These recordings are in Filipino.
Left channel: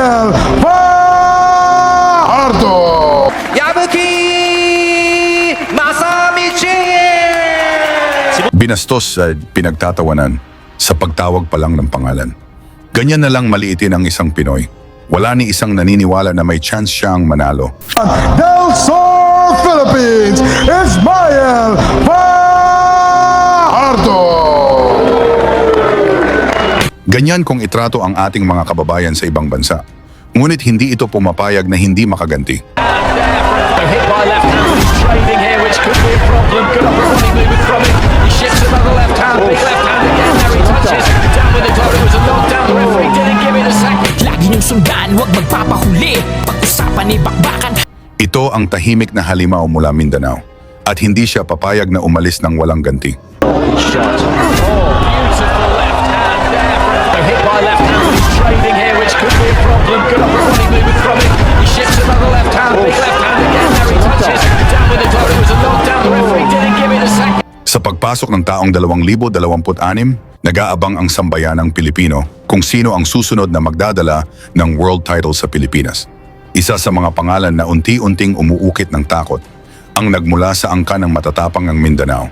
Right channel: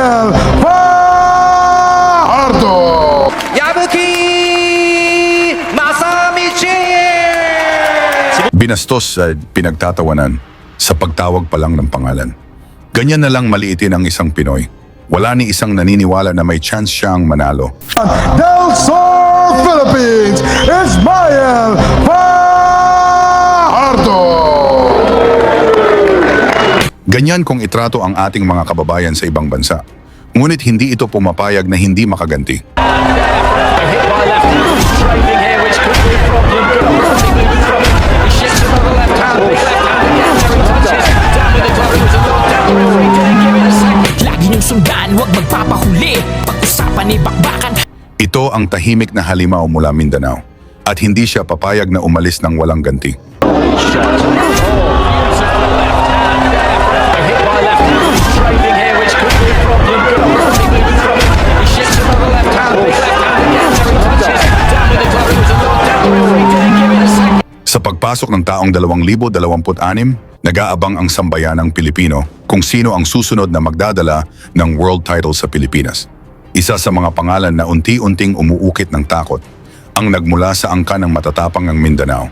Ismael Fajardo! Yabuki Masamichi! Binastos sa pinagtatawanan sa pagtawag pa lang ng pangalan. Ganyan na lang maliitin ang isang Pinoy. Wala ni isang naniniwala na may chance siyang manalo. Del Sur, Philippines, Ismael Fajardo! Ganyan kung itrato ang ating mga kababayan sa ibang bansa. Ngunit hindi ito pumapayag na hindi makaganti. Lagi niyong sundan, huwag magpapahuli. Pag-usapan ni bakbakan. Ito ang tahimik na halimaw mula Mindanao at hindi siya papayag na umalis ng walang ganti. Sa pagpasok ng taong 2026, nag-aabang ang sambayanang Pilipino kung sino ang susunod na magdadala ng world title sa Pilipinas. Isa sa mga pangalan na unti-unting umuukit ng takot ang nagmula sa angka ng matatapang ng Mindanao.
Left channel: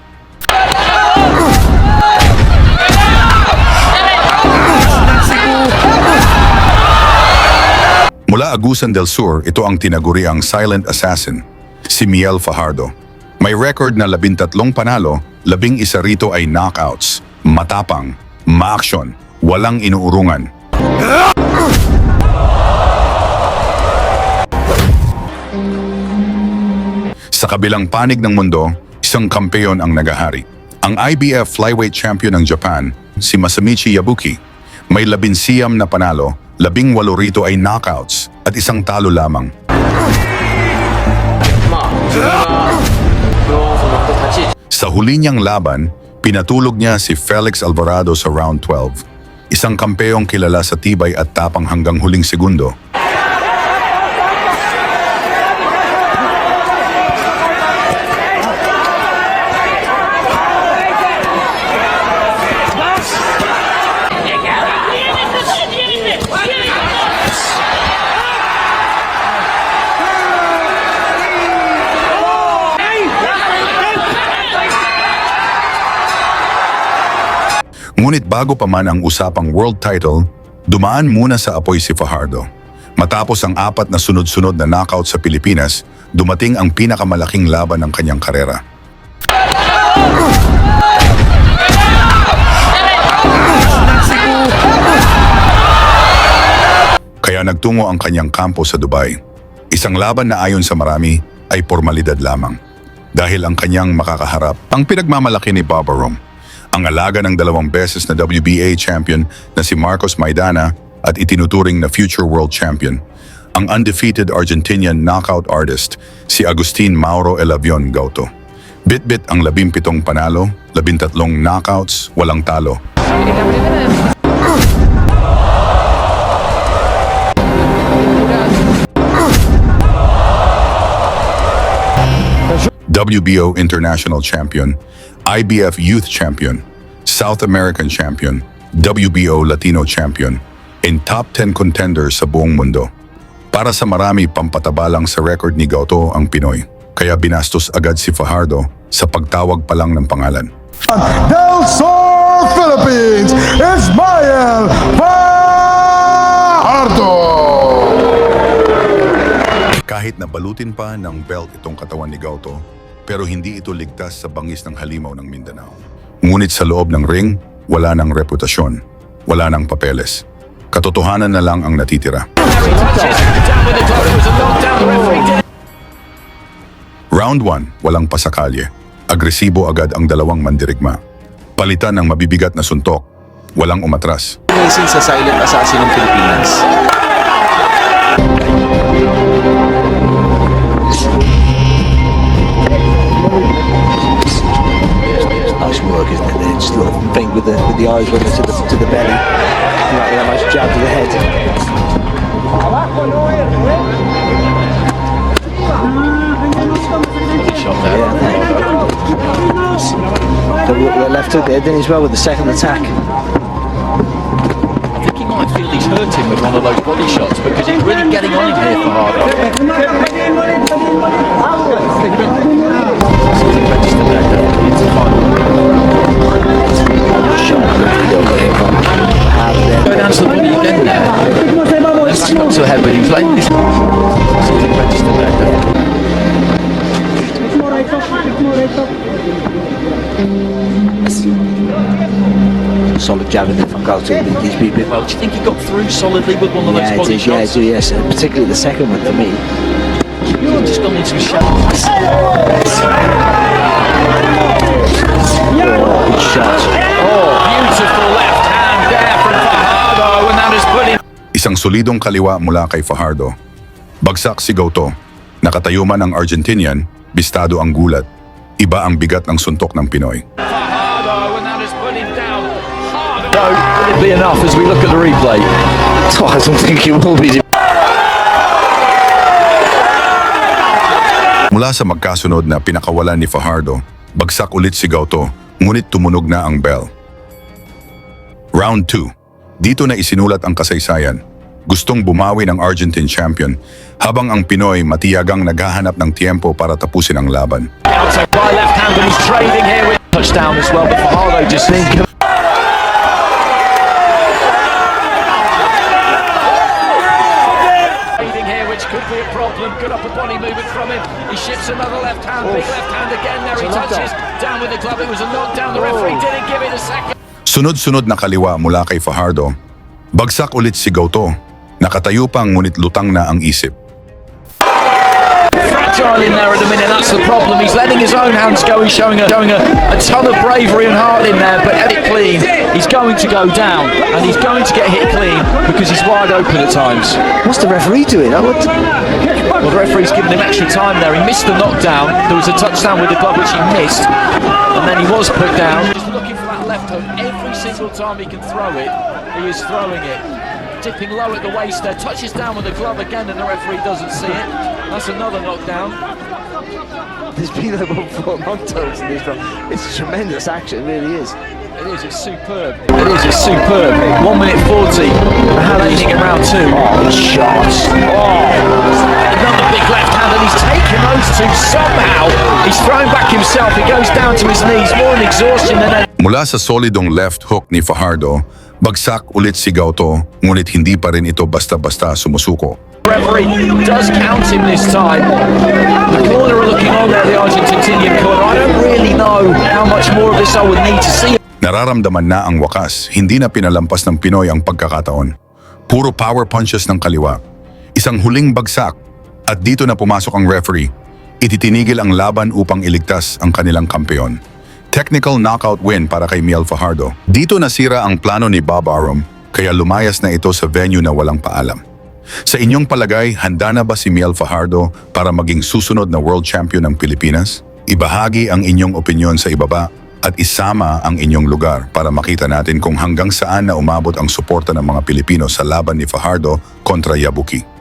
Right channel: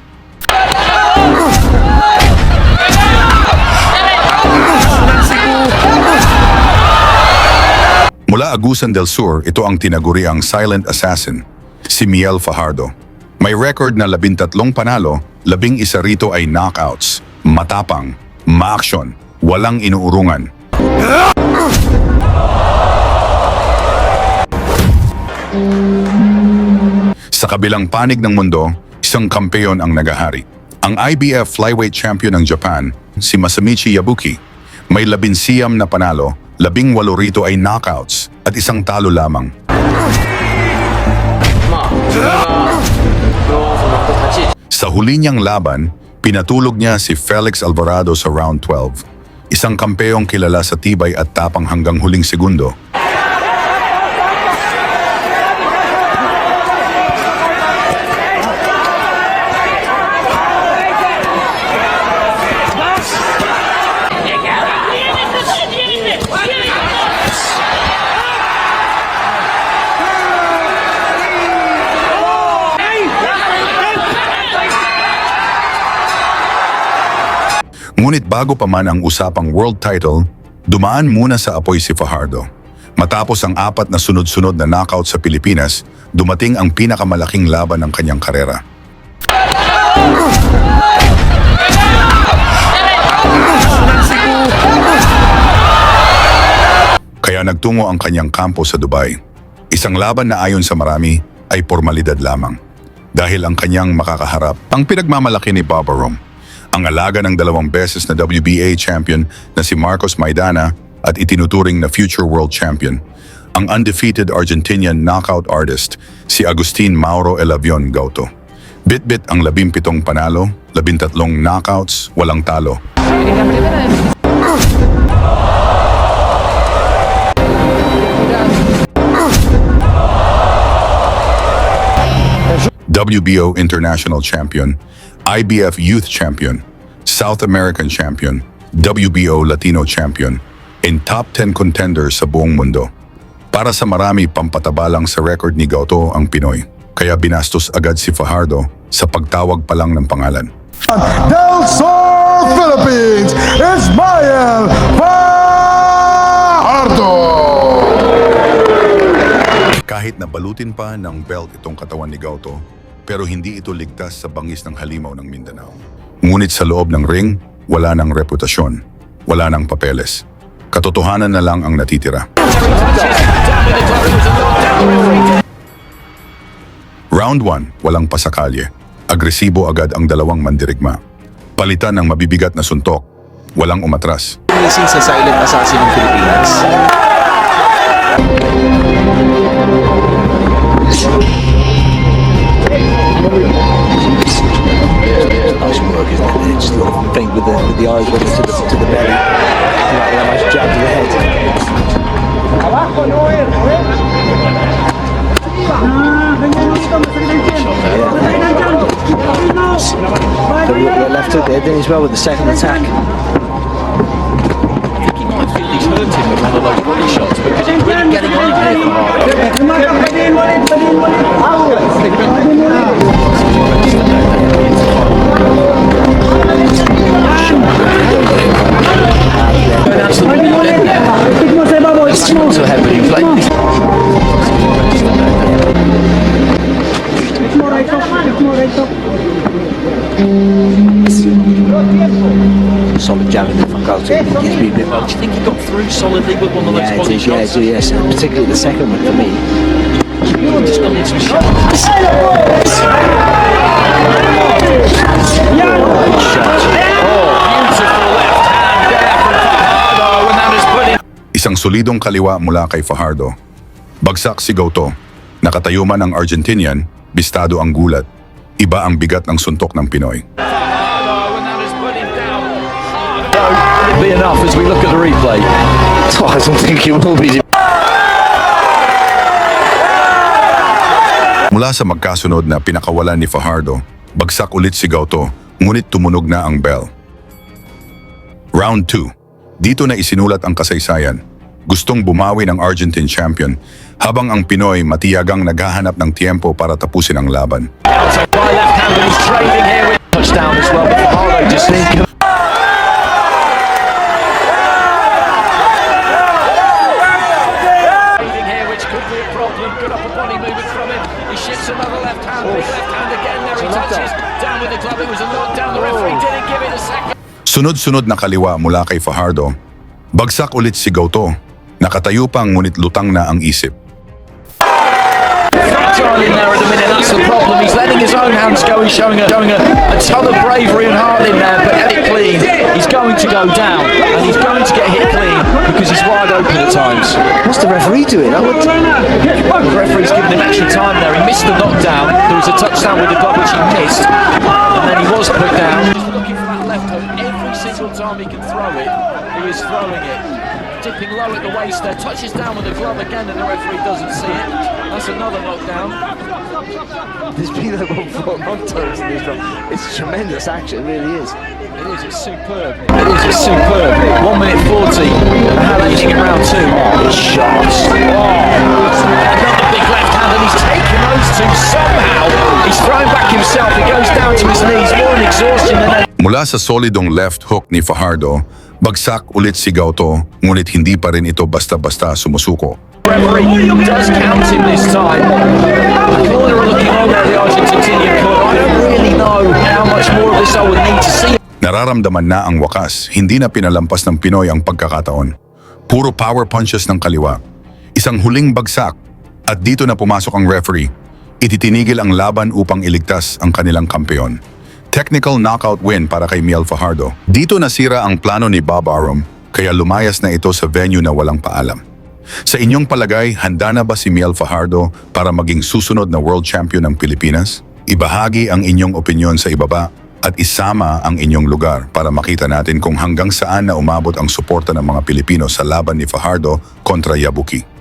Mula Agusan del Sur, ito ang tinaguriang silent assassin, si Miel Fajardo. May record na 13 panalo, 11 rito ay knockouts, matapang, ma-action, walang inuurungan. Sa kabilang panig ng mundo, isang kampeon ang nagahari. Ang IBF flyweight champion ng Japan, si Masamichi Yabuki, may 19 na panalo, 18 rito ay knockouts at isang talo lamang. Sa huli niyang laban, pinatulog niya si Felix Alvarado sa round 12. Isang kampeyong kilala sa tibay at tapang hanggang huling segundo. Ngunit bago pa man ang usapang world title, dumaan muna sa apoy si Fajardo. Matapos ang 4 na sunod-sunod na knockout sa Pilipinas, dumating ang pinakamalaking laban ng kanyang karera. Kaya nagtungo ang kanyang kampo sa Dubai. Isang laban na ayon sa marami ay pormalidad lamang. Dahil ang kanyang makakaharap ang pinagmamalaki ni Baba Rome, ang alaga ng 2 beses na WBA champion na si Marcos Maidana at itinuturing na future world champion, ang undefeated Argentinian knockout artist si Agustin Mauro Elavion Gauto. Bit-bit ang 17 panalo, 13 knockouts, walang talo. WBO International Champion, IBF Youth Champion, South American Champion, WBO Latino Champion, and top 10 contenders sa buong mundo. Para sa marami, pampataba lang sa record ni Gauto ang Pinoy. Kaya binastos agad si Fajardo sa pagtawag pa lang ng pangalan. Del Sur, Philippines, Ismael Fajardo! Kahit nabalutin pa ng belt itong katawan ni Gauto, pero hindi ito ligtas sa bangis ng halimaw ng Mindanao. Ngunit sa loob ng ring, wala ng reputasyon, wala ng papeles. Katotohanan na lang ang natitira. Round 1, walang pasakalye. Agresibo agad ang dalawang mandirigma. Palitan ng mabibigat na suntok, walang umatras. Amazing sa silent assassin ng Pilipinas. Nice work, isn't it? Just a little feint with the eyes running to the belly. Right, a nice jab to the head. Shot there. The left hook there, didn't he, as well with the second attack. I think he might feel he's hurt him with one of those body shots because solid jab in there from Galto. He gives me a bit Well, do you think he got through solidly with one of those yeah, body it is, yeah, shots? yes, and particularly the second one for me. You've just gone into a shot. Beautiful left hand there from Fajardo, and that is putting Isang solidong kaliwa mula kay Fajardo. Bagsak si Goto. Nakatayo man ang Argentinian, bistado ang gulat. Iba ang bigat ng suntok ng Pinoy. Fajardo, and that is put him down hard. Will it be enough as we look at the replay? I don't think it will be. Mula sa magkasunod na pinakawalan ni Fajardo, bagsak ulit si Goto, ngunit tumunog na ang bell. Round 2. Dito na isinulat ang kasaysayan. Gustong bumawi ng Argentine champion, habang ang Pinoy matiyagang naghahanap ng tiempo para tapusin ang laban. So right left hand and he's trading here with touchdown as well. Fajardo just trading here, which could be a problem. Good upper body movement from him. He shifts another left hand, big left hand again. There he touches down with the glove. It was a knockdown. The referee didn't give it a second. Sunod-sunod na kaliwa mula kay Fajardo. Bagsak ulit si Goto. Nakatayo pang ngunit lutang na ang isip. Fragile in there at the minute. That's the problem. He's letting his own hands go. He's showing a ton of bravery and heart in there, but hit clean. He's going to go down. And he's going to get hit clean because he's wide open at times. What's the referee doing? The referee's given him extra time there. He missed the knockdown. There was a touchdown with the glove which he missed. And then he was put down. Just looking for that left hook. Every single time he can throw it, he is throwing it. Dipping low at the waist there. Touches down with the glove again and the referee doesn't see it. That's another knockdown. There's been about 4 knockdowns in this round. It's tremendous action, it really is. It is, it's superb. It is, it's superb. 1 minute 40. And how did he get round two? Shots. Another big left hand and he's taking those two somehow. He's throwing back himself. He goes down to his knees. One exhaustion and Mula sa solidong left hook ni Fajardo, bagsak ulit si Goto, ngunit hindi pa rin ito basta-basta sumusuko. referee does count him this time. The corner are looking at the Argentinian corner. I don't really know how much more of this I would need to see. Nararamdaman na ang wakas, hindi na pinalampas ng Pinoy ang pagkakataon. Puro power punches ng kaliwa. Isang huling bagsak at dito na pumasok ang referee. Ititinigil ang laban upang iligtas ang kanilang kampeon. Technical knockout win para kay Miel Fajardo. Dito nasira ang plano ni Bob Arum, kaya lumayas na ito sa venue na walang paalam. Sa inyong palagay, handa na ba si Miel Fajardo para maging susunod na world champion ng Pilipinas? Ibahagi ang inyong opinyon sa ibaba at isama ang inyong lugar para makita natin kung hanggang saan na umabot ang suporta ng mga Pilipino sa laban ni Fajardo kontra Yabuki.